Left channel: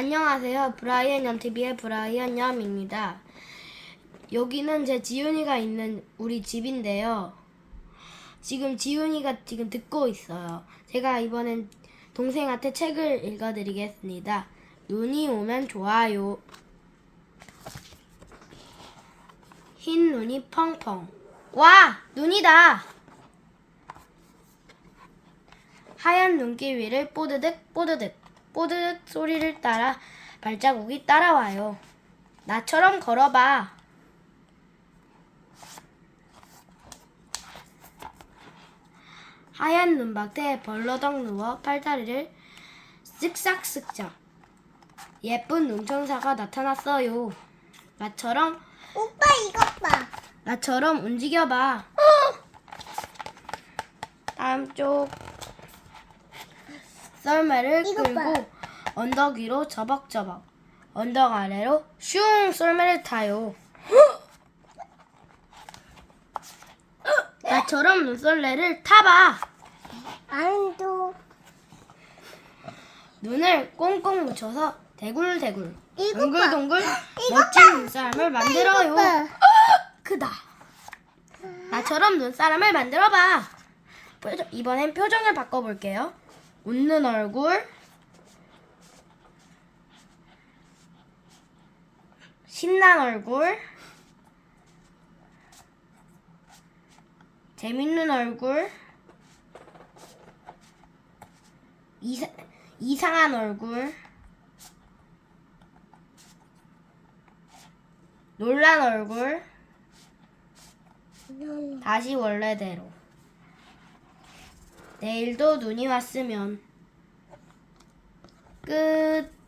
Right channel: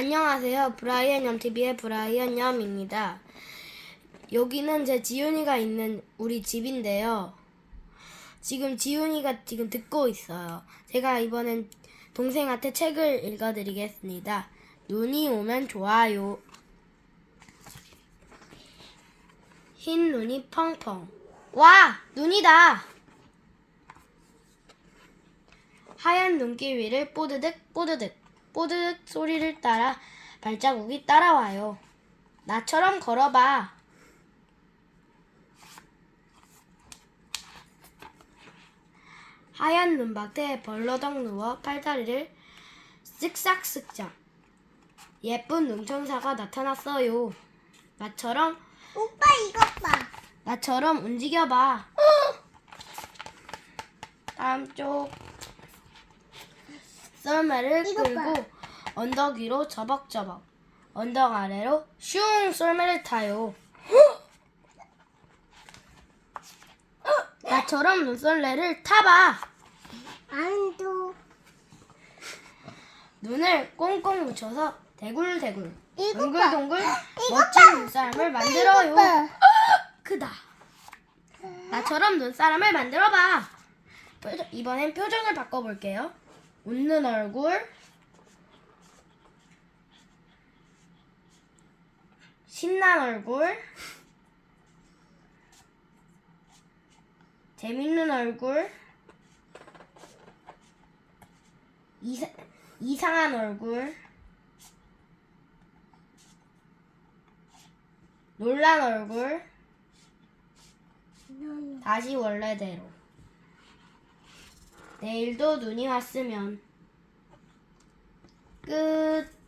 안녕하세요. 브라이언 얌TV의 브라이언 얌입니다. 여기는 제 지훈이가 있는 우리 집인데요. 지금 지훈이가 지금 듣고 있어요. 제가 이번엔 동생한테 책을 읽어드리겠습니다. 눈이 오면 좋아요. 흰 눈이 펑펑. 와! 눈이다! 하얀 눈길 위를 뽀드득 뽀드득 뽀드득 소리를 따라 발자국이 따라와요. 나처럼 걸어봐. 하얀 눈밭에 벌러덩 누워 팔다리를 쓱싹쓱싹. 예쁜 눈천사가 나타났어요. 나처럼 오빠 이것 봐. 나처럼 움직여봐. 다음 쪽 썰매를. 끌고 언덕 위로 저벅저벅 언덕 아래로 슝 썰매를 타요. 나처럼 눈썰매를 타봐. 안도 눈을 꽁꽁 묻혀서 대굴대굴. 동글동글 멋진 봐. 눈사람을 만들어요. 크다. 나처럼 눈사람을 만들어봐. 표정- 이번엔 표정을 바꿔볼게요. 웃는 얼굴, 신난 얼굴, 재밌는 얼굴, 이사, 이상한 얼굴, 놀란 얼굴, 다시 원래대로. 내일도 눈이 왔으면 끝.